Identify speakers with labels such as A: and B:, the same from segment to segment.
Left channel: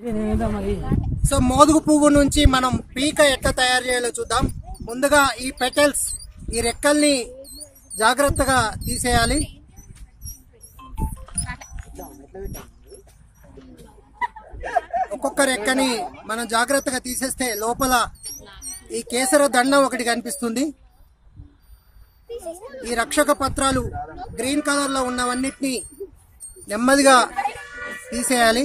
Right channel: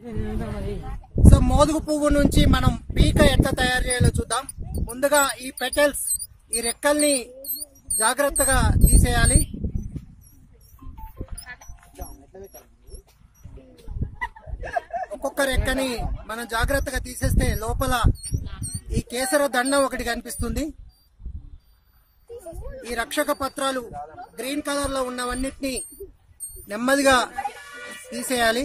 A: So మోదుగు పువ్వు నుంచి మనం పీక ఎట్లా తయారు చేయాలో చూద్దాం. ముందుగా ఈ పెటల్స్ ఈ రెక్కల్ని జాగ్రత్తగా తీసేయాలి. ఒక్కొక్క రెక్కని మనం జాగ్రత్తగా తీసేస్తే లోపల ఈ కేసర దండం ఒకటి కనిపిస్తుంది. ఈ రక్షక పత్రాలు గ్రీన్ కలర్లో ఉన్నవన్నిటిని నెమ్మదిగా తీసేయాలి.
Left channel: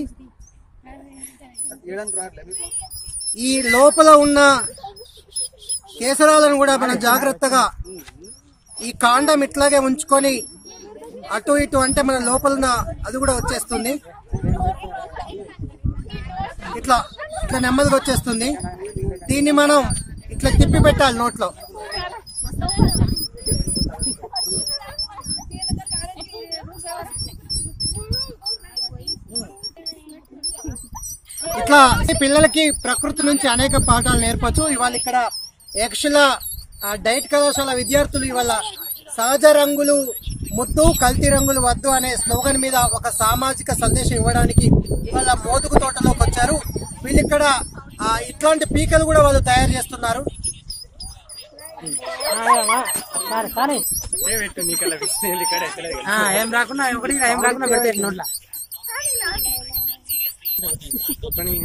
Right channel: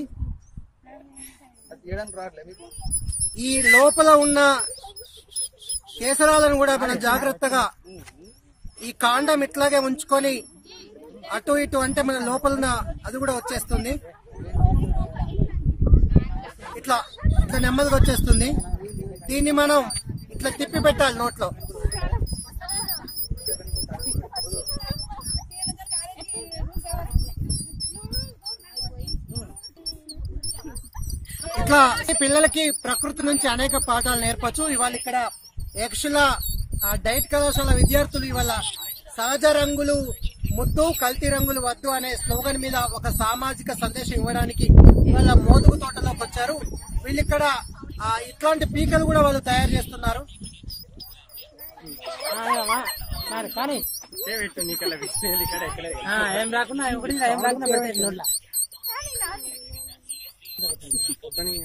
A: ఈ లోపల ఉన్న కేసరాలను కూడా మనం జాగ్రత్తగా ఈ కాండం ఇట్లాగే ఉంచుకొని అటు ఇటు అంటే మన లోపల అది కూడా వచ్చేస్తుంది. ఇట్లా ఇట్లా నెమ్మదిగా వచ్చేస్తుంది. దీన్ని మనం ఇట్లా తిప్పి పెట్టాలి నోట్లో. ఇట్లా పిల్లలకి ప్రకృతి నుంచి అనేక పాఠాలు నేర్పచ్చు. ఇవాళ ఇక్కడ యక్షుల ఆ, డైట్ కళాశాల విద్యార్థులు ఇవాళ సహజ రంగులు ముద్దు కల్తీ రంగులు వద్దు అనే స్లోగన్ మీద ఒక సామాజిక సందేశం ఇవ్వడానికి ఇవాళ మోదుగు తోటలోకి వచ్చారు. వీళ్ళు ఇక్కడ ఇట్లాంటి పీకలు కూడా వాళ్ళు తయారు చేస్తున్నారు.
B: ఏం రాకుండా ఒకటి ఏం రాకుండా పెడితే నోట్ల. बनी